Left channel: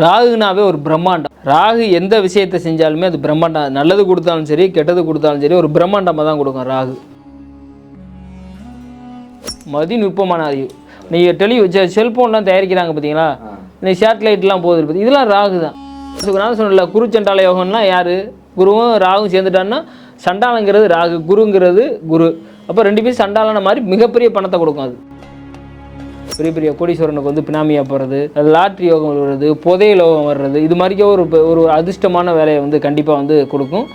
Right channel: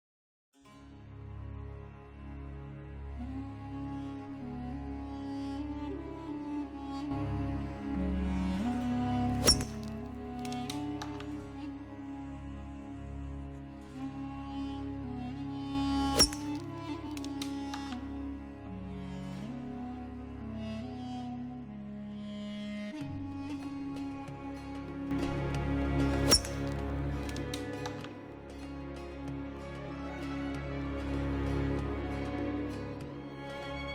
ராகுனாவே ஒரு பிரம்மாண்டம். ராகு எந்த விஷயத்தை செஞ்சாலுமே அது பிரம்மாண்டம். நல்லது கொடுத்தாலும் சரி, கெட்டது கொடுத்தாலும் சரி, ஒரு பிரம்மாண்டமாக தான் கொடுக்கும் ராகு. மதிநுட்பமான அறிவு. நீங்கள் செல்ஃபோன்லாம் தயாரிக்கிறாங்க பார்த்தீங்களா, இந்த சேட்டலைட்லாம் போகுது பார்த்தி, இதெல்லாம் ராகு தான். நான் சொன்னல குரு சண்டால யோகம்லாம் யார்? குருவும் ராகும் சேர்ந்துட்டான்னா சண்டாலங்கிறது ராகு, குருங்கிறது குரு. அப்போ ரெண்டு பேரும் சண்டாலான மாதிரி மிகப்பெரிய பணத்தை கொடுக்கும். அது பெரிய பெரிய கோடீஸ்வரனுக்கு வந்து பினாமியாக போகிறது, லாட்ரி யோகம் வருது, புதைய யோகம் வர்றது, இது மாதிரிக்கே ஒரு அதிர்ஷ்டமான வேலையை வந்து கண்டிப்பாக வந்து கொடுக்கும்.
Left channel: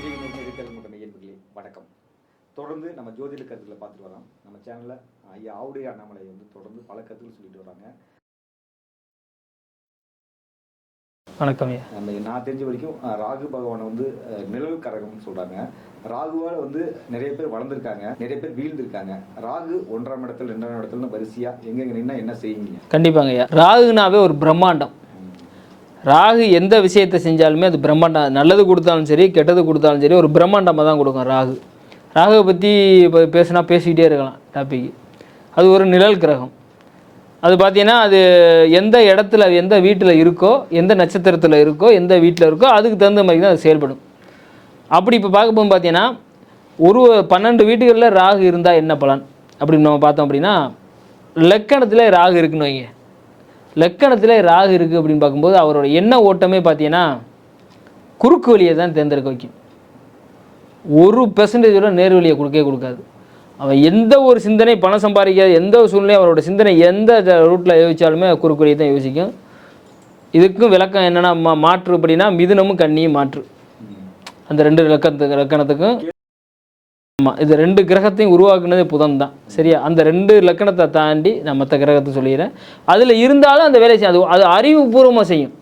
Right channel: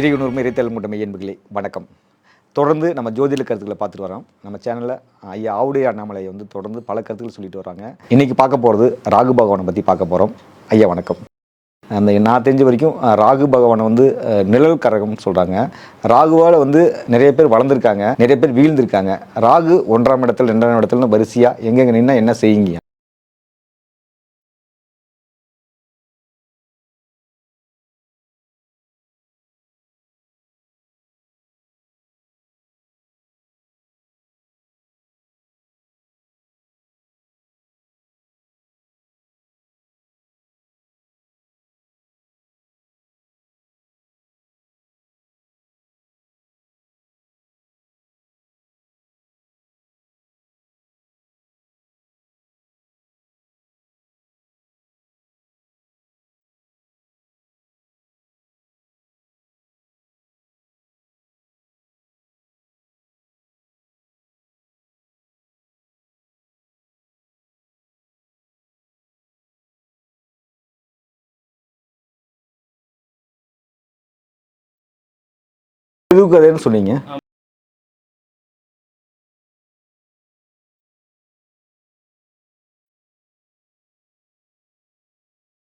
இறையுணர்மை இறைத்தல் மூட்டமை என்பர்களே வணக்கம். தொடர்ந்து நம்ம ஜோதிட கருத்துக்களை பார்த்துட்டு வரோம். நம்ம சேனலில் ஐயா ஆவுடைய அண்ணாமலை வந்து தொடர்ந்து பல கருத்துக்கள் சொல்லிட்டு வராங்க. இன்றைக்கி பார்க்க போகிறது ராகு பகவானை பற்றி பார்க்க போகிறோம். ஐயா வணக்கம். வணக்கம். அந்த நான் தெரிஞ்ச வரைக்கும் ராகு பகவானை வந்து நிழல் கரகம்னு சொல்கிறாங்க. ராகுவால் வந்து நிறைய பேர் வளர்ந்துருக்காங்க, நிறைய பேர் வீழ்ந்திருக்காங்க. ராகு 1ஆம் இடத்துல 2ஆம் இடத்துலன்னு வரிசையாக எங்கெங்கே நின்னா என்ன செய்யுங்க? கண்டிப்பாங்க ஐயா. ராகுனாவே ஒரு பிரம்மாண்டம். ராகு எந்த விஷயத்தை செஞ்சாலுமே அது பிரம்மாண்டம். நல்லது கொடுத்தாலும் சரி, கெட்டது கொடுத்தாலும் சரி, ஒரு பிரம்மாண்டமாக தான் கொடுக்கும் ராகு. ராகுவை பற்றி இப்போ பேசினா பேசிக்கிட்டே இருக்கலாம் டாபிக். அது ஒரு நிழல் கிரகம். அது பார்த்தீங்கன்னா அது எந்த இடத்துல எந்த வீட்டில் இருக்கோ, எந்த நட்சத்திரத்தில் இருக்கோ, எந்த வீட்டில் இருக்கோ, அதுக்கு தகுந்த மாதிரி தான் அது செயல்படும். அப்படி இப்போ பார்க்கும்போது பார்த்தீங்கன்னா ஒரு 12 வீட்டுகளில் ராகு இருந்தால் என்ன பலன் அப்படின்னு நம்ம பார்த்தோம் அப்படின்னா, லக்கணத்தில் ராகு இருக்குன்னு வைங்க. லக்கணத்தில் ராகு இருக்குது அப்படின்னு பார்க்கும்போது அவரோட எண்ண ஓட்டமே பார்த்தீங்கன்னா குறுக்கு வழியை தான் தேர்ந்தெடுக்க வைக்கும். 1% நேர் வழியை கொடுக்காது. அவன் எந்த ஒரு சிந்தனை, பணம் சம்பாதிக்காத எந்த ஒரு சூழ்நிலையும் அவரோட சிந்தனை எந்த ரூட்டில் யோசித்தாலுமே குறுக்கு வழியை தான் யோசிக்கும். இதுக்கும் விளக்கம் என்னென்னா மாற்று அப்படின்னா மிதுனமும் கன்னியும் மாற்று. அந்த 2 லக்கணத்துக்கும் எதுக்கு அதேன்னு சொன்னீங்க? ஆமாம், இது 2 கிரகத்தையும் உருவாக்குனதே புதன் தான். சரியா? அந்த 2 லக்கணத்தை தாண்டி நான் மற்ற கிரகத்தை சொல்லிடுறேன். அதில் இருந்தாலும் அந்த வேலையை செய்யும். அது அறிவுபூர்வமாக செய்யும்.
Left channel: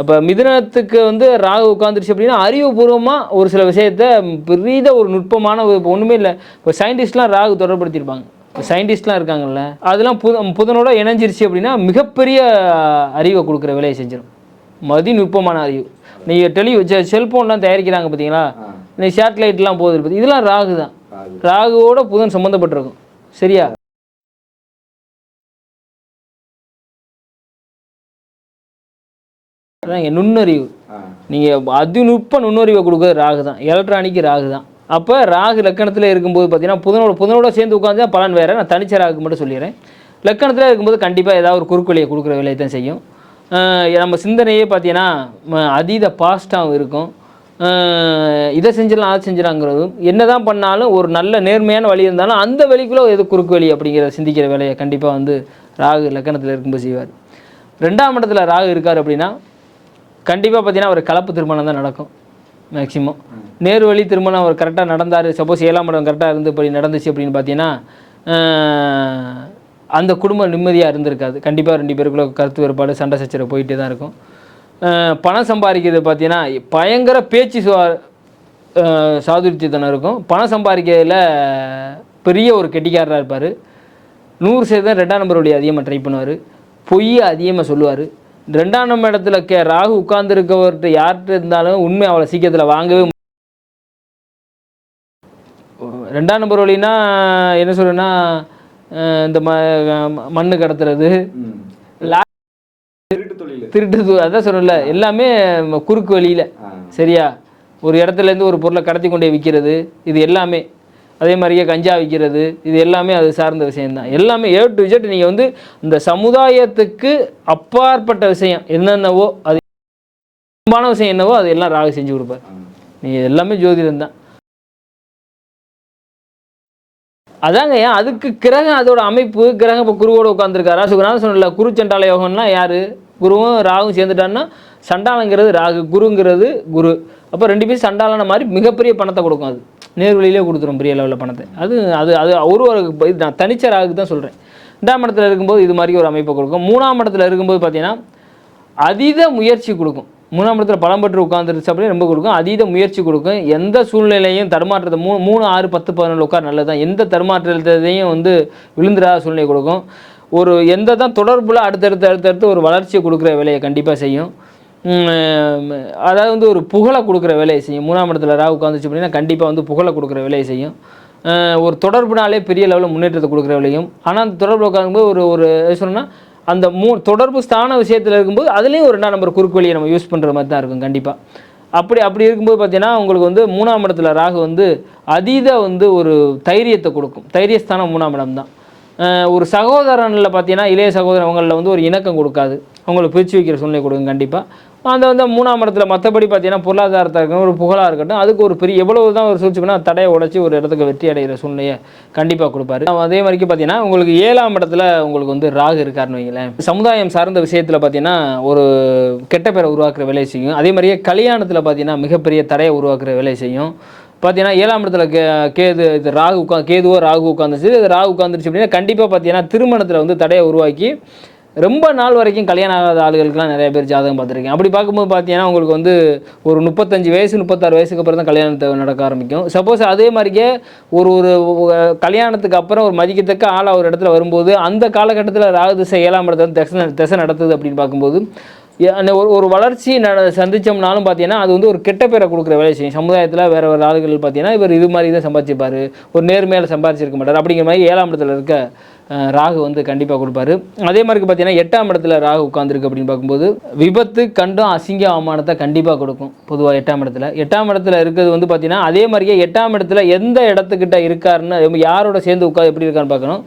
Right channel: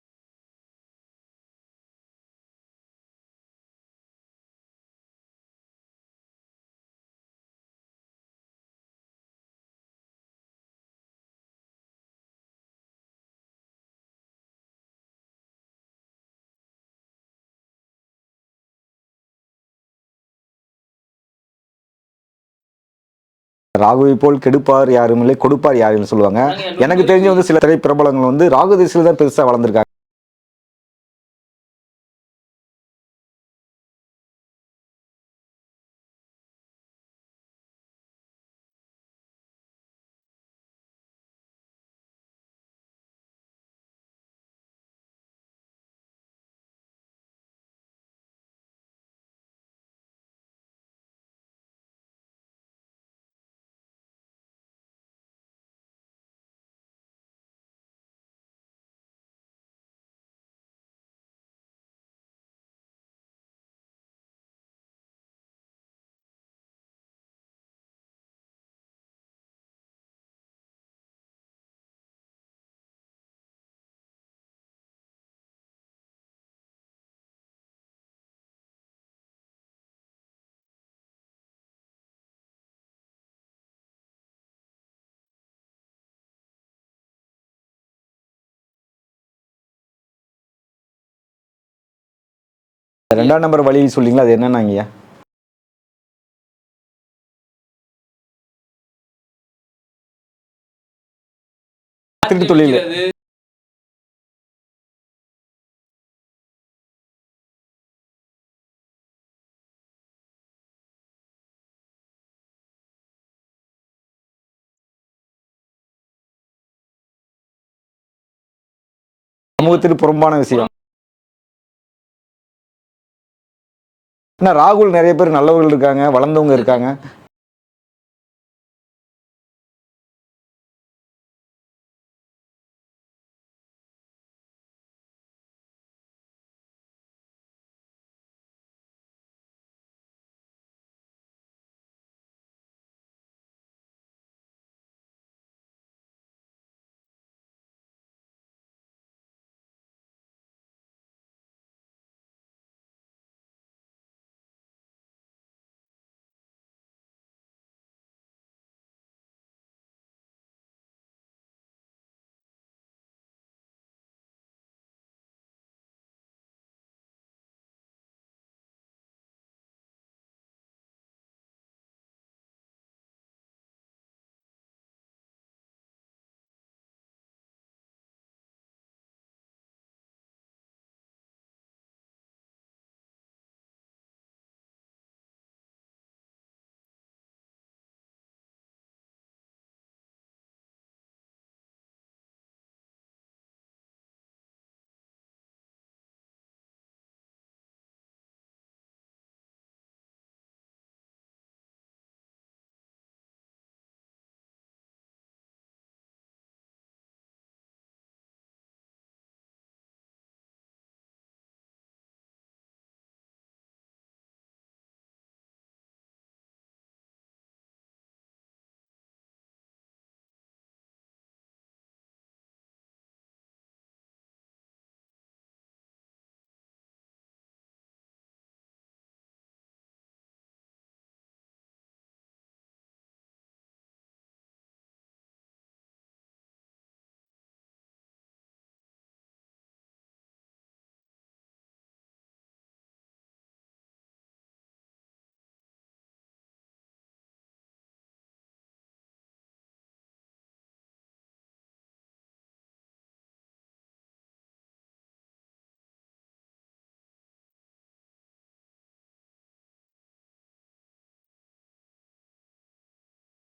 அப்போ மிதுனத்துக்கு வந்து ராகு உட்காந்துருச்சு அப்படின்னா அறிவுபூர்வமாக ஒரு சில விஷயத்தை பெரிய ஒரு நுட்பமான இப்போ ஒன்றுமே இல்லை. இப்போ சயின்டிஸ்ட்லாம் ராகு தொடர்படுத்தியிருப்பாங்க. இப்போ சயின்டிஸ்ட்லாம் இருக்காங்கல்ல, அதெல்லாம் புதனோட இணைஞ்சிருச்சு அப்படின்னா மிகப்பெரிய அறிவை கொடுக்குற வேலையை செஞ்சிடும். மதிநுட்பமான அறிவு. நீங்கள் செல்ஃபோன்லாம் தயாரிக்கிறாங்க பார்த்தீங்களா, இந்த சேட்டலைட்லாம் போகுது பார்த்தி, இதெல்லாம் ராகு தான். ராகுவோட புதன் சம்மந்தப்பட்டிருக்கும். சரியா? ராகுவை போல் கெடுப்பார் யாரும் இல்லை, கொடுப்பார் யாரும் சொல்லுவாங்க. எனக்கு தெரிஞ்ச வந்து சில திரைப்பிரபலங்கள் வந்து ராகு திசையில் தான் பெருசாக வளர்ந்துருக்காங்க. நுண்ணறிவு, நீங்கள் அதிநுட்ப நுண்ணறிவை கொடுக்குறது ராகு தான். எலக்ட்ரானிக்கு ராகு தான். அப்போ ராகு லக்கணத்தில் இருக்கும்போது பார்த்தீங்கன்னா புதனோட சேர்ந்து உட்காந்து தான் பலன் வேறு. நான் தனிச்ச ராகுக்கு மட்டும் சொல்லிடுறேன். லக்கணத்தில் இருக்கும்போது கண்டிப்பாக ஏதாவது ஒரு குறுக்கு வழியை கொடுக்குற வேலையை தான் செய்யும். நம்ம சிந்தனையே பார்த்தீங்கன்னா அதீத பாஸ்டாகவும் இருக்கும். இதை செஞ்சிடலாம் அதை செஞ்சிடலாங்கிறதும், என்ன தான் பண்ணாலும் ஒரு நல்ல நேர்மையான வழி இருந்தாலும் அந்த வழிக்குள்ளே எது குறுக்கு வழி அப்படிங்கிறத சிந்திக்கிற வேலையை கண்டிப்பாக வந்து ராகு லக்கணத்தில் இருக்கும்போது செய்வார். 2ஆம் இடத்துல ராகு இருக்கார் அப்படின்னா கண்டிப்பாக பார்த்தீங்கன்னா அவர் கலப்பு திருமணம் தான் நடக்கும். மேக்சிமம் நேர் வழி திருமணம் அவர் கரெக்டாக நடந்தார். சப்போஸ் 7ஆம் இடம் கரெக்டாக இருந்து இப்படி நடந்துச்சு அப்படின்னு பார்த்தீங்கன்னா அந்த குடும்பம் நிம்மதியாக இருந்திருக்காது. கண்டிப்பாக 2 பேருக்குள்ள கருத்து வேறுபாடு, சண்டை சச்சரவு போயிட்டே தான் இருக்கும். பணம் சம்பாதிக்கிறது பார்த்தீங்கன்னா பயங்கர பேச்சு சாதுரியத்தனம் இருக்கும். பணம் சம்பாதிக்கிறதுல பெரிய ஒரு கெட்டிக்காரராக இருப்பார். 100% 2ஆம் நம்பர் வழி அதிகமாக ட்ரை பண்ணுவார். பொய் அதிகமாக சொல்லுவார். 2ஆம் இடத்துல ராகு உட்கார்ந்துருக்கவர்கிட்ட யார்கிட்ட இருந்தாலும் உண்மை அவளை சீக்கிரத்தில் வாங்கவே முடியும். 2ஆம் நம்பர் வழி சொல்லிங்களா, அது என்னன்னாங்கய்யா? 2ஆம் நம்பர் வழின்னா என்ன சொல்கிறேன்னா, இந்த மண்ணு கடத்துறது, திருட்டு, அதான் சொல்லல, எல்லாமே குறுக்கு வழியில். சரியா? ஒரு இடத்துலேருந்து ஒரு பொருளை கடத்தி கொண்டே விற்கிறது, இது எல்லாமே. அதே மாதிரியே கஞ்சா விற்கிறது, இது எல்லாமே அது சார்ந்த விஷயம்தான். எல்லாமே A to Z. நீங்கள் வந்து இந்த சமுதாயத்துக்கு அப்பாற்பட்ட விஷயம் என்னென்னவோ, அது சமூகத்துக்கு புறம்பான விஷயம் என்னவோ அது எல்லாம் ராகு செஞ்சு கொடுப்பார். நீங்கள் எல்லாமே ஜோதிடம் தான். ஆனால் ராகுல் நிறைய பேர் நல்லவர்கள் இருக்காங்க, வளர்ந்தவங்க இருக்காங்க. அதாங்க ஏன் அதுக்கு கிரகம், அதோட அமைப்பு. கிரகம் இப்போ குருவோட உட்காந்துருக்காரா? நான் சொன்னல குரு சண்டால யோகம்லாம் யார்? குருவும் ராகும் சேர்ந்துட்டான்னா சண்டாலங்கிறது ராகு, குருங்கிறது குரு. அப்போ 2 பேரும் சண்டாலான மாதிரி மிகப்பெரிய பணத்தை கொடுக்கும். அது நேர்வழியிலே கொடுத்துரும் பெரிய லெவலில் பணத்தை. அது அது அது ஒரு நான் தனிச்ச ராகுக்கு தான் சொல்கிறேன். 2ஆம் இடத்துல இருக்கும்போது இது மாதிரி ஒரு அமைப்பை கொடுக்கும். 3ஆம் இடத்துல இருக்கும்போது பார்த்தீங்கன்னா அதீத முயற்சி கொடுக்கும். 3ஆம் இடத்துல பலம் பெற்று உட்காந்துருச்சு அப்படியே ரொம்ப கொடுக்கும். அதீத முயற்சி கொடுக்கும். எந்த சூழ்நிலையும் தடுமாற்றத்தை 3, 6, 10, 11 உட்கார் நல்லது தான். எந்த தடுமாற்றத்தையும் வந்து விழுந்துடாத சூழ்நிலை கொடுக்கும். ஒரு எந்த தான் தொடர்பில் அடுத்தடுத்து ஒரு வளர்ச்சியை கொடுக்குற வேலையை கண்டிப்பாக செய்யும். அதாவது வந்து ஒரு புகழை கொடுக்குற வேலையை செய்யும். 3ஆம் இடத்துல ராகு உட்காந்துச்சு அப்படின்னா கண்டிப்பாக வந்து புகழை கொடுக்குற வேலையை செய்யும். ஒரு தொடர்புனாலே பெரிய லெவலில் முன்னேற்றத்தை கொடுக்குற வேலையும். ஆனால் அந்த தொடர்பு உட்காரும்போது ஒரு ஒரு சொன்னால் அந்த தொடர்பு ஸ்தான விஷயத்தில் இருக்கும்போது அதுலேயும் ஒரு 2ஆம் நம்பர் குறுக்கு வழியை நம்ம யூஸ் பண்ணுற மாதிரி தான் இருக்கும் கண்டிப்பாக. அப்படி இருக்கும்போது பார்த்தீங்கன்னா உங்களுக்கு வந்து 3ஆம் இடத்துல ராகு வந்து அதீத வந்து ஒரு தைரியத்தை கொடுக்கும். தைரியஸ்தானம் 3ஆம் இடம் தான். ஒரு சகோதரனில் பார்த்தீங்கன்னா இளைய சகோதரன் அவங்களில் வந்து ஒரு இணக்கம் கொடுக்காது, அவங்கள பிரித்து வைக்கிற சூழ்நிலை கொடுக்கும் கண்டிப்பாக. அந்த வந்து 3ஆம் இடத்துல மற்றபடி பார்த்தீங்கன்னா பொருளாதாரத்தை இருக்கட்டும், ஒரு புகழாக இருக்கட்டும், அதுக்கு ஒரு பெரிய எவ்வளவு தான் ஒரு சூழ்ச்சி பண்ணால் தடையை உடச்சி ஒரு இடத்துக்கு வெற்றி அடைகிற சூழ்நிலையை கண்டிப்பாக கொடுப்பாரு. அதே மாதிரிக்கு பார்த்தீங்கன்னா உங்களுக்கு 7ஆம் இடத்துல உங்களுக்கு வந்து ராகு இருக்காருன்னு வைங்களேன், சமுதாயம் சார்ந்த விஷயத்தில் பார்த்தீங்கன்னா ஒரு கெட்ட பேரை உருவாக்குற வேலையை செய்யும். அதே மாதிரியே கல்யாணத்தில் பார்த்தீங்கன்னா மிகப்பெரிய தடையை உருவாக்குற வேலையை செய்யும். பார்த்தீங்கன்னா 7ஆம் இடத்துல கேது இது கேதுவோ ராகு உட்காந்துச்சு, இது ராகு உட்காந்துருச்சு அப்படின்னா கண்டிப்பாக பார்த்தீங்கன்னா திருமணத்தில் வந்து தடையை உருவாக்கி ரொம்ப நாள் வரைக்கும் கல்யாணம் ஆகாத ஆளுகளுக்குலாம் நிறைய பேர் ஜாதகம் பார்த்துருக்கேன். அப்படி பார்க்கும்போது பார்த்தீங்கன்னா உங்களுக்கு வந்து ஒரு 35 வயசு 36 வயசுக்கு அப்புறம் தான் கல்யாணத்தை நடக்க ஆரம்பிக்கும். சப்போஸ் அதே மாதிரியே ஒரு ஒரு கல்யாணத்துக்கு அப்புறம் ஒரு மதிக்கத்தக்க ஆளாக ஒரு இடத்துல வரும்போது அந்த காலகட்டத்தில் ராகு திசை 7ஆம் இடத்துல திசை நடத்துது அப்படின்னு பார்க்கும்போது ஒரு வளர்ச்சி சந்தித்தோம்னாலும் பார்த்தீங்கன்னா அது வந்து ஒரு கெட்ட பேரை கொடுக்குற வேலை செய்யும். சமுதாயத்தில் வேறு வேறு ஆளுகள் பார்த்தீங்கன்னா இவர் இது மாதிரி தான் சம்பாதிச்சிருப்பார், ஒரு நேர்மையாக சம்பாதிச்சிருக்க மாட்டார் அப்படிங்கிற மாதிரி 7ஆம் இடத்துல இருக்க ராகு வந்து கண்டிப்பாக கொடுப்பாரு. அதே மாதிரி பார்த்தீங்கன்னா 8ஆம் இடத்துல ராகு உட்காந்துருக்கு அப்படின்னு பார்க்கும்போது விபத்து கண்டும் அசிங்க அவமானத்தை கண்டிப்பாக கொடுக்கும். பொதுவாக 8ஆம் இடத்துல இருக்கிறது வந்து பார்த்தீங்கன்னா அதே மாதிரியே 8ஆம் இடத்துல எந்த இடத்துக்கிட்ட இருக்காருன்னு யாரோட சேர்ந்து உட்காந்து எப்படி இருக்கான்னு பார்க்கணும்.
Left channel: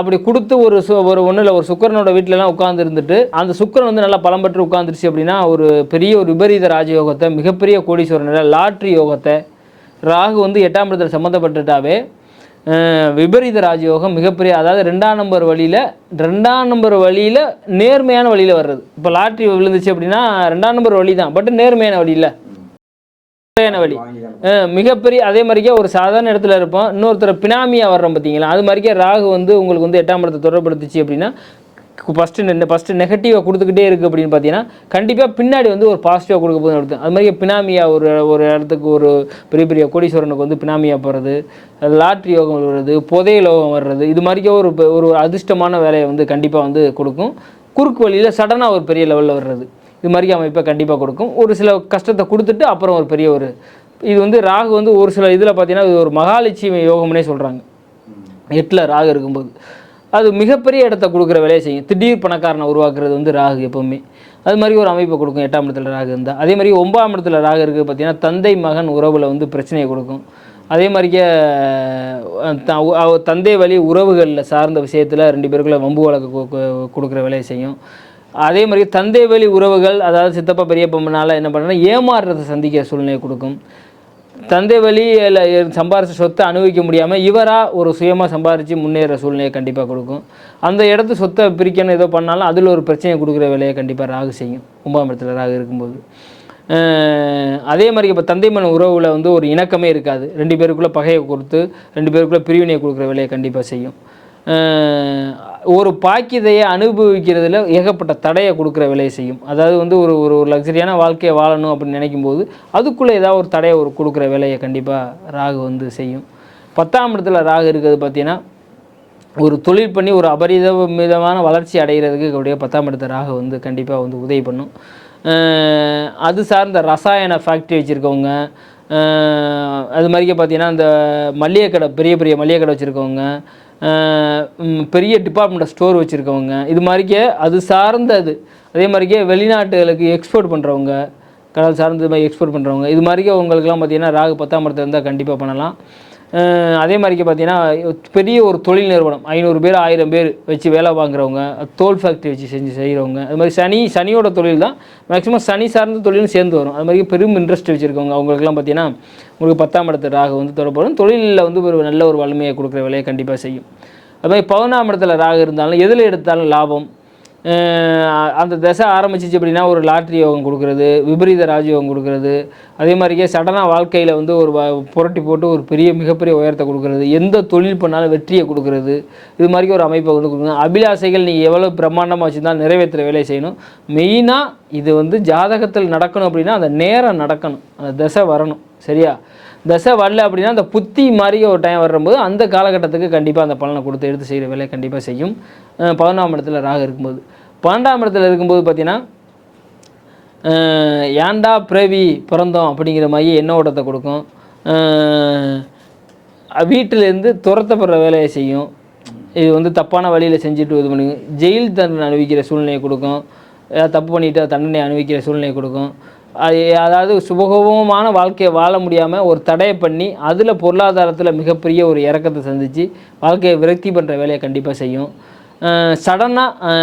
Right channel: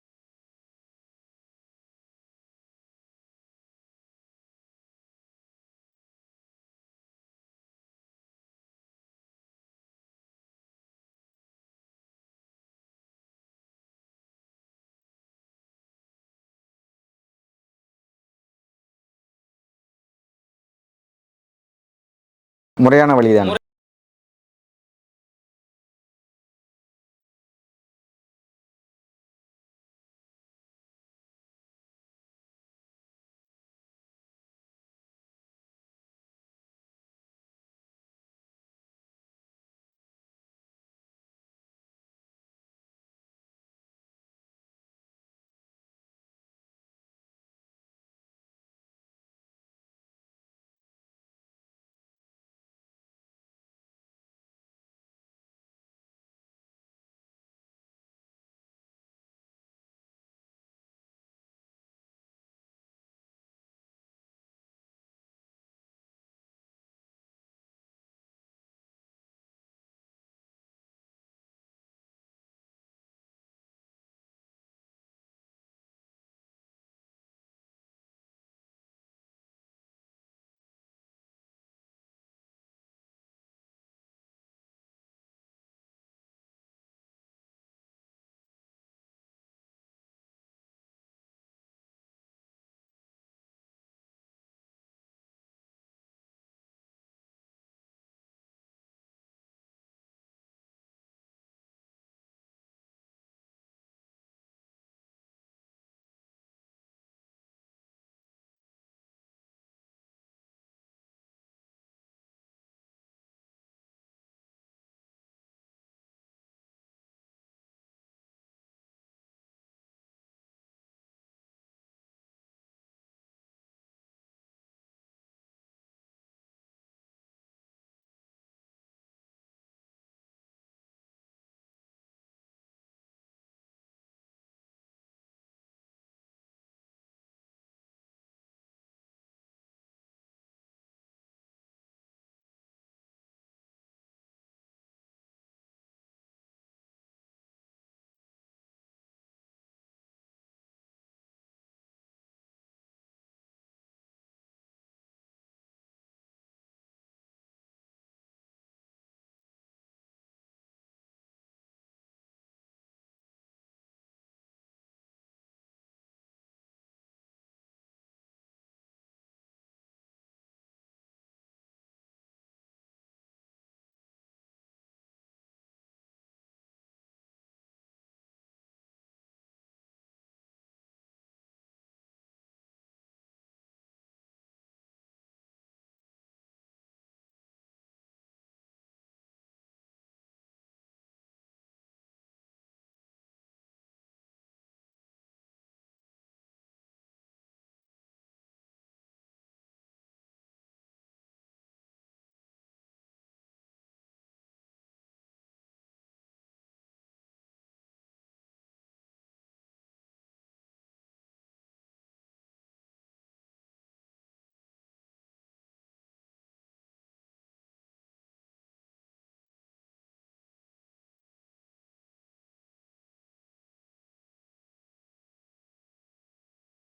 அப்படி கொடுத்து ஒரு ஒன்றில் ஒரு சுக்கரனோட வீட்டிலலாம் உட்காந்து இருந்துட்டு அந்த சுக்கரன் வந்து நல்லா பலம் பெற்று உட்காந்துருச்சு அப்படின்னா ஒரு பெரிய ஒரு விபரீத ராஜயோகத்தை, மிகப்பெரிய கோடீஸ்வரன் லாட்ரி யோகத்தை, ராகு வந்து 8ஆம் இடத்துல சம்மந்தப்பட்டுட்டாவே விபரீத ராஜயோகம் மிகப்பெரிய, அதாவது 2ஆம் நம்பர் வழியில் நேர்மையான வழியில் வர்றது. இப்போ லாட்ரி விழுந்துச்சு அப்படின்னா 2ஆம் நம்பர் வழி தான், பட் நேர்மையான வழியில் முறையான வழி. மிகப்பெரிய. அதே மாதிரிக்கே ஒரு சாதாரண இடத்துல இருப்போம், இன்னொருத்தர் பினாமியாக வர்றோம் பார்த்தீங்களா, அது மாதிரிக்கே ராகு வந்து உங்களுக்கு வந்து 8ஆம் இடத்தை தொடர்படுத்துச்சு அப்படின்னா ஃபஸ்ட்டு நெகட்டிவாக கொடுத்துக்கிட்டே இருக்குது அப்படின்னு பார்த்தீங்கன்னா கண்டிப்பாக பின்னாடி வந்து ஒரு பாசிட்டிவாக கொடுக்க போது எடுத்து. அது மாதிரி பினாமியாக ஒரு இடத்துக்கு ஒரு பெரிய பெரிய கோடீஸ்வரனுக்கு வந்து பினாமியாக போகிறது, லாட்ரி யோகம் வருது, புதைய யோகம் வர்றது, இது மாதிரிக்கே ஒரு அதிர்ஷ்டமான வேலையை வந்து கண்டிப்பாக வந்து கொடுக்கும். குறுக்கு வழியில் சடனாக ஒரு பெரிய லெவலில் வர்றது, இது மாதிரி அமைப்பை கண்டிப்பாக கொடுக்கும். ஒரு சில கஷ்டத்தை கொடுத்துட்டு அப்புறம் ஒரு பெரிய இது வந்து ராகு வந்து ஒரு சில இதில் பார்த்தீங்கன்னா இது ஒரு மகாலட்சுமி யோகம்னே சொல்கிறாங்க. 8ல் ராகு இருக்கும்போது அது மிகப்பெரிய இடத்த கொடுக்குற வேலையை செய்யும். திடீர் பணக்காரனை உருவாக்குறது வந்து ராகு எப்போவுமே அது மாதிரி ஒரு அமைப்பை கொடுக்கும் 8ஆம் இடத்துல ராகு இருந்தால். அதே மாதிரி 9ஆம் இடத்துல ராகு இருக்குது பார்த்தீங்கன்னா தந்தை மகன் உறவில் வந்து பிரச்சனையை கொடுக்கும். அதே மாதிரியே தந்தை வழி உறவுகளில் சார்ந்த விஷயத்தில் 2 பேருக்குள்ள வம்பு வழக்கு கொடுக்குற வேலையை செய்யும். அதே மாதிரி தந்தை வழி உறவுகள், அதாவது சித்தப்பா பெரியப்பனால என்ன பண்ணுறேன்னா ஏமாறுறதை சந்திக்கிற சூழ்நிலையை கொடுக்கும். தந்தை வழியில் சம்பாரித்த சொத்தை அனுபவிக்க முடியாமல் இவராக ஒரு சுயமாக சம்பாரித்து முன்னேற சூழ்நிலையை கண்டிப்பாக கொடுக்கும். அந்த இடத்து சொத்தை பிரிக்கணும் ஏதோ பண்ணாலும் அதில் ஒரு பிரச்சனையை கொடுக்குற வேலையை கண்டிப்பாக ராகு செய்யும் 9ஆம் இடத்துல ராகு இருக்கும்போது. அதே மாதிரி இப்போ தந்தை மகன் உறவில் வந்து ஒரு இணக்கமே இருக்காது, 2 பேருக்குள்ளே பகையை கொடுத்து 2 பேருக்குள்ளே பிரிவினையை கொடுக்குற வேலையை கண்டிப்பாக செய்யும். ஒரு பாக்கியதையை அனுபவிக்கிறதுல ஏகப்பட்ட தடையை கொடுக்குற வேலையை செய்யும். அதாவது வந்து ஒரு லக்ஸரியான வாழ்க்கையை வாழணும் அப்படின்னு நினைக்கும்போது அதுக்குள்ளே ஏதாவது ஒரு தடையை கொடுக்குற வேலையை கண்டிப்பாக ராகு வந்து செய்யும். 10ஆம் இடத்துல ராகு இருக்கிறது பார்த்தீங்கன்னா ஒரு தொழில் பண்ணி ஒரு அபரிதமான வளர்ச்சி அடைகிறதுக்கு அப்படியே 10ஆம் இடத்துல ராகு வந்து கண்டிப்பாக வந்து உதவி பண்ணும். அது சார்ந்த ரசாயன ஃபேக்ட்ரி வச்சுருக்கவங்க, அது மாதிரிக்கே பார்த்தீங்கன்னா இந்த மளிகை கடை, பெரிய பெரிய மளிகை கடை வச்சுருக்கவங்க, பெரிய டிபார்ட்மெண்ட் ஸ்டோர் வச்சுருக்கவங்க, இது மாதிரிக்கே அது சார்ந்தது. அதே மாதிரிக்கே வெளிநாட்டுகளுக்கு எக்ஸ்போர்ட் பண்ணுறவங்க, கடல் சார்ந்த மாதிரி எக்ஸ்போர்ட் பண்ணுறவங்க, இது மாதிரிக்கே உங்களுக்குலாம் பார்த்தீங்கன்னா ராகு 10ஆம் இடத்துல இருந்தால் கண்டிப்பாக பண்ணலாம். அதே மாதிரிக்கே பார்த்தீங்கன்னா பெரிய ஒரு தொழில் நிறுவனம் 500 பேர் 1000 பேர் வச்சு வேலை வாங்குறவங்க, தோல் ஃபேக்ட்ரி வச்சு செய்கிறவங்க, அது மாதிரி சனியோட தொழில் தான் மேக்ஸிமம் சனி சார்ந்த தொழிலும் சேர்ந்து வரும். அது மாதிரி பெரும் இன்ட்ரெஸ்ட் வச்சுருக்கவங்க அவங்களுக்குலாம் பார்த்தீங்கன்னா உங்களுக்கு 10ஆம் இடத்துல ராகு வந்து தொடர்படும். தொழிலில் வந்து ஒரு நல்ல ஒரு வலிமையை கொடுக்குற வேலையை கண்டிப்பாக செய்யும். அது மாதிரி 11ஆம் இடத்துல ராகு இருந்தாலும் எதில் எடுத்தாலும் லாபம். அந்த தசை ஆரம்பிச்சிச்சு அப்படின்னா ஒரு லாட்ரி யோகம் கொடுக்குறது, விபரீத ராஜயோகம் கொடுக்குறது, அதே மாதிரியே சடனாக வாழ்க்கையில் வந்து ஒரு புரட்டி போட்டு ஒரு மிகப்பெரிய உயரத்தை கொடுக்குறது, எந்த தொழில் பண்ணாலும் வெற்றியை கொடுக்குறது, இது மாதிரி ஒரு அமைப்பை வந்து கொடுக்குறது. அபிலாசைகள் நீங்கள் எவ்வளோ பிரம்மாண்டமாக வச்சுருந்தாலும் நிறைவேற்றுற வேலையை செய்யணும். மெயினாக இது வந்து ஜாதகத்தில் நடக்கணும் அப்படின்னா அந்த நேரம் நடக்கணும், அந்த தசை வரணும். சரியா? தசை வரல அப்படின்னா அந்த புத்தி மாதிரி ஒரு டைம் வரும்போது அந்த காலகட்டத்துக்கு கண்டிப்பாக அந்த பலனை கொடுத்து எடுத்து செய்கிற வேலையை கண்டிப்பாக செய்யும். 11ஆம் இடத்துல ராகு இருக்கும்போது. 12ஆம் இடத்துல இருக்கும்போது பார்த்தீங்கன்னா ஏன்டா பிறவி பிறந்தோம் அப்படிங்கிற மாதிரி எண்ண ஓட்டத்தை கொடுக்கும். வீட்டிலேருந்து துரத்தப்படுற வேலையை செய்யும். இது வந்து தப்பான வழியில் செஞ்சுட்டு இது பண்ணுங்க. ஜெயில் தண்டனை அனுபவிக்கிற சூழ்நிலையை கொடுக்கும். ஏதாவது தப்பு பண்ணிவிட்டு தண்டனை அனுபவிக்கிற சூழ்நிலையை கொடுக்கும். அதாவது சுபகோபமான வாழ்க்கையை வாழ முடியாமல் ஒரு தடையை பண்ணி அதில் பொருளாதாரத்தில் மிகப்பெரிய ஒரு இறக்கத்தை சந்தித்து வாழ்க்கையை விரக்தி பண்ணுற வேலையை கண்டிப்பாக செய்யும். சடனாக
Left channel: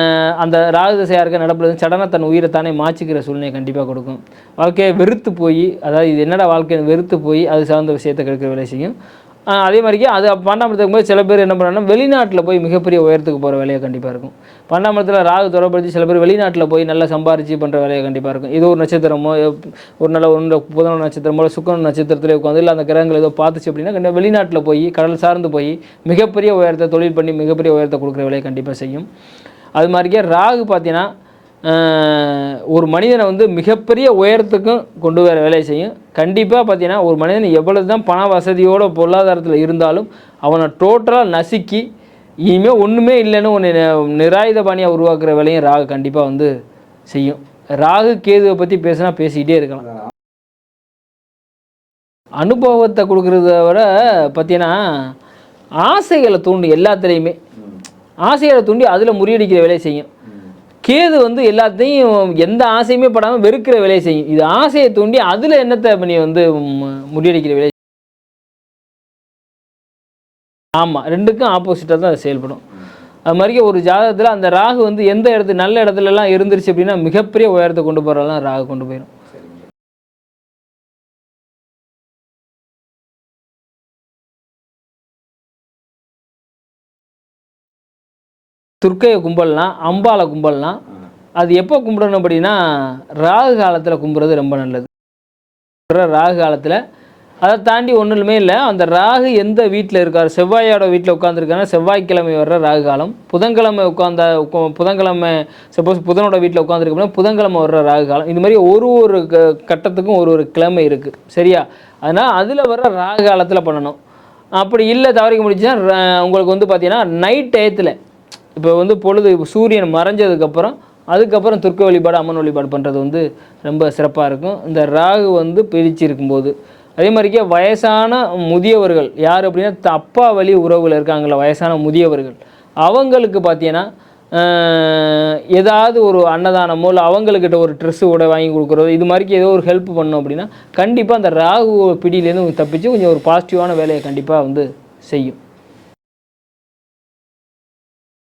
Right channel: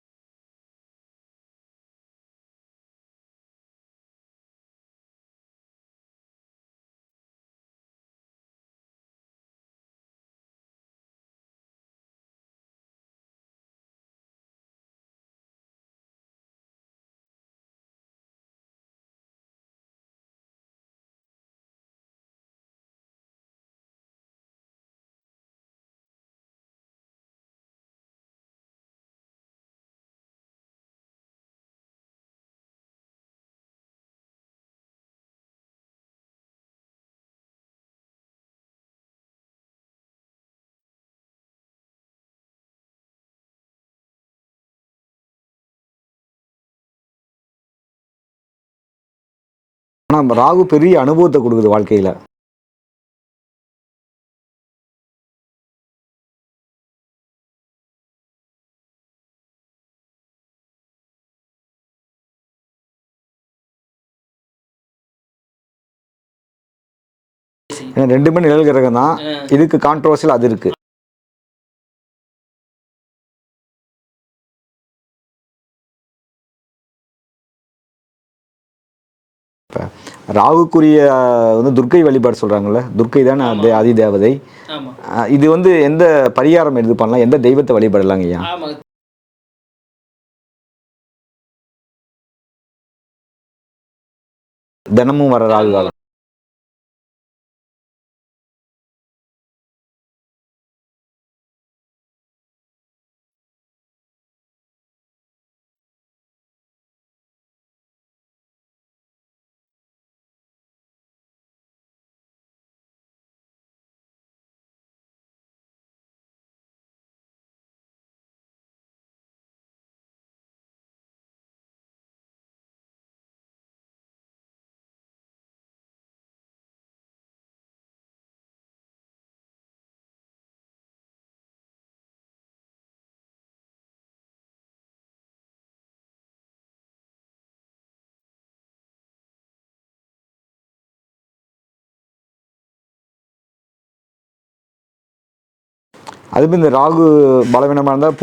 அந்த ராகு திசையாக இருக்க நடப்புறது சடனாக தன் உயிரை தானே மாற்றிக்கிற சூழ்நிலையை கண்டிப்பாக கொடுக்கும். வாழ்க்கையை வெறுத்து போய், அதாவது இது என்னடா வாழ்க்கையை வெறுத்து போய் அது சார்ந்த விஷயத்தை கெடுக்கிற வேலை செய்யும். அதே மாதிரிக்கே அது 12ஆம் இடத்துக்கு போது சில பேர் என்ன பண்ணுறாங்கன்னா வெளிநாட்டில் போய் மிகப்பெரிய உயரத்துக்கு போகிற வேலையை கண்டிப்பாக இருக்கும். 12ஆம் இடத்துல ராகு தொடர்படுத்தி சில பேர் வெளிநாட்டில் போய் நல்லா சம்பாரிச்சு பண்ணுற வேலையை கண்டிப்பாக இருக்கும். ஏதோ ஒரு நட்சத்திரமோ ஒரு நல்ல புதன நட்சத்திரமோ சுக்கிரன் நட்சத்திரத்திலே உட்காந்து இல்லை அந்த கிரகங்கள் ஏதோ பார்த்துச்சு அப்படின்னா கண்டிப்பாக வெளிநாட்டில் போய் கடல் சார்ந்து போய் மிகப்பெரிய உயரத்தை தொழில் பண்ணி மிகப்பெரிய உயரத்தை கொடுக்குற வேலையை கண்டிப்பாக செய்யும். அது மாதிரிக்கே ராகு பார்த்தீங்கன்னா ஒரு மனிதனை வந்து மிகப்பெரிய உயரத்துக்கும் கொண்டு வர வேலையை செய்யும். கண்டிப்பாக பார்த்தீங்கன்னா ஒரு மனிதன் எவ்வளவு தான் பண வசதியோட பொருளாதாரத்தில் இருந்தாலும் அவனை டோட்டலாக நசுக்கி இனிமேல் ஒன்றுமே இல்லைன்னு ஒன்று நிராயுத பாணியாக உருவாக்குற வேலையும் ராகு கண்டிப்பாக வந்து செய்யும். ராகு கேதுவை பற்றி பேசினா பேசிக்கிட்டே இருக்கலாம். ஆனால் ராகு பெரிய அனுபவத்தை கொடுக்குது வாழ்க்கையில். அனுபவத்தை கொடுக்குறத விட பார்த்தீங்கன்னா ஆசைகளை தூண்டும். எல்லாத்துலேயுமே ஆசைகளை தூண்டி அதில் முறியடிக்கிற வேலையை செய்யும். கேது வந்து எல்லாத்தையும் எந்த ஆசையுமே படாமல் வெறுக்கிற வேலையை செய்யும். இது ஆசையை தூண்டி அதில் என்னத்தை பண்ணி வந்து முறியடிக்கிற வேலையை செய்யும். ரெண்டுமே நிழல் கிரகம் தான். இதுக்கு கான்ட்ரவர்சியல் அது இருக்குது. ஆமாம், ரெண்டுக்கும் ஆப்போசிட்டாக தான் அது செயல்படும். அது மாதிரி ஒரு ஜாதகத்தில் அந்த ராகு வந்து எந்த இடத்துல நல்ல இடத்துலலாம் இருந்துருச்சு அப்படின்னா மிகப்பெரிய உயரத்தை கொண்டு போகிறதெல்லாம் ராகு கொண்டு போயிடும். இப்போ ராகுக்குரிய வந்து துர்க்கை வழிபாடு சொல்கிறாங்கல்ல, துர்க்கை தானே அந்த ஆதி தேவதை. இது வந்து எந்த பரிகாரம் எடுத்து பண்ணலாம், எந்த தெய்வத்தை வழிபடலாங்க ஐயா? ஆமாம், துர்க்கையை கும்பிடலாம், அம்பாலை கும்பிடலாம். அது எப்போ கும்பிடணும் அப்படின்னா ராகு காலத்தில் கும்பிட்றது ரொம்ப நல்லது. தினமும் வர ராகு காலம், ராகு காலத்தில். அதை தாண்டி ஒன்றுமே இல்லை. அந்த ராகு எந்த வீட்டில் இருக்கார், செவ்வாயோட வீட்டில் உட்காந்துருக்காங்கன்னா செவ்வாய்க்கிழமை வர்ற ராகு காலம். புதன்கிழமை சப்போஸ் புதனோட வீட்டில் உட்காந்துருக்கோம்னா புதன்கிழமை வர்ற ராகு காலம். இது மாதிரி ஒரு கட்டத்துக்கும் ஒரு கிழமை இருக்குது, சரியா? அதனால் அதில் வர்ற ராகு காலத்தில் பண்ணணும். அப்படி இல்லை தவறிக்க முடிச்சுன்னா உங்களுக்கு வந்து பார்த்தீங்கன்னா நைட் டயத்தில் இப்போ வந்து பொழுது சூரியன் மறைஞ்சதுக்கப்புறம் அதுக்கப்புறம் துர்க்க வழிபாடு அம்மன் வழிபாடு பண்ணுறது வந்து ரொம்ப சிறப்பாக இருக்கும் இந்த ராகு வந்து பிரித்து இருக்கும்போது. அதே மாதிரிக்கே வயசான முதியவர்கள் யார் அப்படின்னா அப்பா வழி உறவில் இருக்காங்களா வயசான முதியவர்கள், அவங்களுக்கு பார்த்தீங்கன்னா ஏதாவது ஒரு அன்னதானமோ இல்லை அவங்கக்கிட்ட ஒரு ட்ரெஸ்ஸு கூட வாங்கி கொடுக்குறதோ இது மாதிரிக்கு ஏதோ ஒரு ஹெல்ப் பண்ணோம் அப்படின்னா கண்டிப்பாக அந்த ராகு பிடியிலேருந்து தப்பிச்சு கொஞ்சம் ஒரு பாசிட்டிவான வேலையை கண்டிப்பாக வந்து செய்யும். அதுமாதிரி இந்த ராகு பலவீனமாக இருந்தால்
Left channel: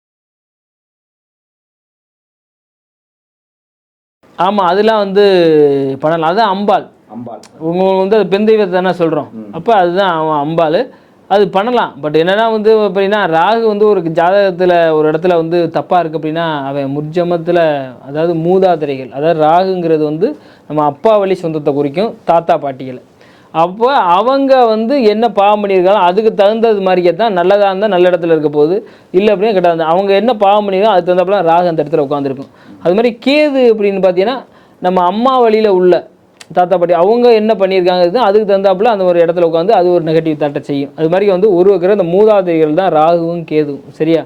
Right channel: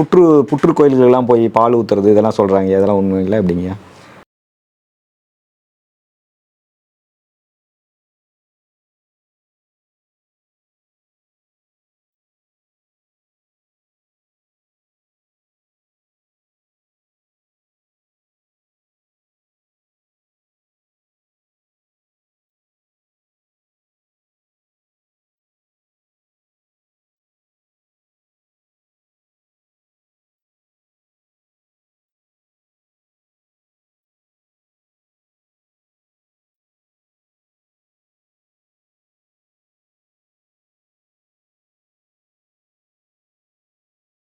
புற்று கோயில்களெல்லாம் போய் பால் ஊற்றுறது இதெல்லாம் சொல்கிறாங்க, அதெல்லாம் ஒன்றும் இல்லை அப்படிங்க? ஆமாம், அதெல்லாம் வந்து பண்ணலாம். அதுதான் அம்பாள். உங்களுக்கு வந்து அது பெண் தெய்வத்தை தானே சொல்கிறோம், அப்போ அதுதான் அம்பாள். அது பண்ணலாம். பட் என்னென்னா வந்து அப்படின்னா ராகு வந்து ஒரு ஜாதகத்தில் ஒரு இடத்துல வந்து தப்பாக இருக்குது அப்படின்னா அவன் முற்ஜமத்தில் அதாவது மூதாதிரைகள், அதாவது ராகுங்கிறது வந்து நம்ம அப்பா வழி சொந்தத்தை குறிக்கும், தாத்தா பாட்டிகளை. அப்போ அவங்க வந்து என்ன பாவம் பண்ணியிருக்காங்க அதுக்கு தகுந்தது மாதிரியே தான் நல்லதாக இருந்தால் நல்ல இடத்துல இருக்க போகுது, இல்லை அப்படின்னா கிட்ட அவங்க என்ன பாவம் பண்ணியிருக்காங்க அதுக்கு தகுந்தப்பலாம் ராகு அந்த இடத்துல உட்காந்துருக்கும். அது மாதிரி கேது அப்படின்னு பார்த்தீங்கன்னா நம்ம அம்மா வழியில் உள்ள தாத்தா பாட்டி அவங்க என்ன பண்ணியிருக்காங்க அதுக்கு தகுந்தாப்புல அந்த ஒரு இடத்துல உட்காந்து அது ஒரு நெகட்டிவ் தாட்டை செய்யும். அது மாதிரி வந்து உருவாக்குற அந்த மூதாதைகள் தான் ராகுவும் கேதுவும், சரியா?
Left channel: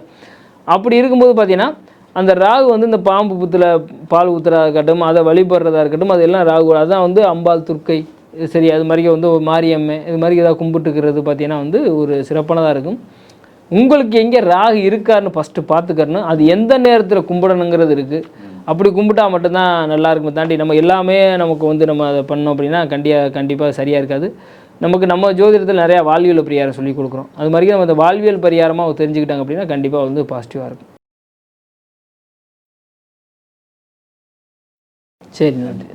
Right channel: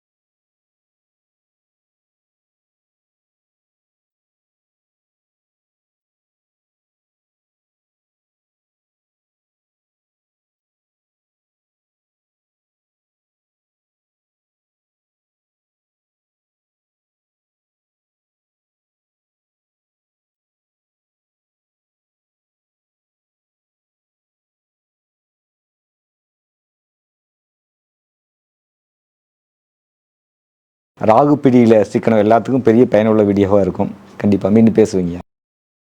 அப்படி இருக்கும்போது பார்த்தீங்கன்னா அந்த ராகு வந்து இந்த பாம்பு புத்தில் பால் ஊற்றுறதா இருக்கட்டும், அதை வழிபடுறதா இருக்கட்டும், அதெல்லாம் ராகு. அதுதான் வந்து அம்பாள் துர்க்கை, சரி, அது மாதிரி வந்து மாரியம்மை இது மாதிரி ஏதாவது கும்பிட்டுக்கிறது பார்த்தீங்கன்னா வந்து ஒரு சிறப்பானதாக இருக்கும். உங்களுக்கு எங்கே ராகு இருக்காருன்னு ஃபஸ்ட்டு பார்த்துக்கறணும். அது எந்த நேரத்தில் கும்பிடணுங்கிறது இருக்குது. அப்படி கும்பிட்டா மட்டும்தான் நல்லா இருக்குமே தாண்டி நம்ம எல்லாமே நமக்கு வந்து நம்ம அதை பண்ணோம் அப்படின்னா கண்டிப்பாக சரியாக இருக்காது. நம்ம ஜோதிடத்தில் நிறையா வாழ்வியல் பரிகாரம் சொல்லி கொடுக்குறோம். அது மாதிரி நம்ம அந்த வாழ்வியல் பரிகாரமாக தெரிஞ்சுக்கிட்டாங்க அப்படின்னா கண்டிப்பாக வந்து பாசிட்டிவாக இருக்கும். ராகு பிடியில் சிக்கனம் எல்லாத்துக்கும் பெரிய பயனுள்ள வீடியோவாக இருக்கும். கண்டிப்பாக மீண்டும் பேசுவீங்க. சரி, நன்றி.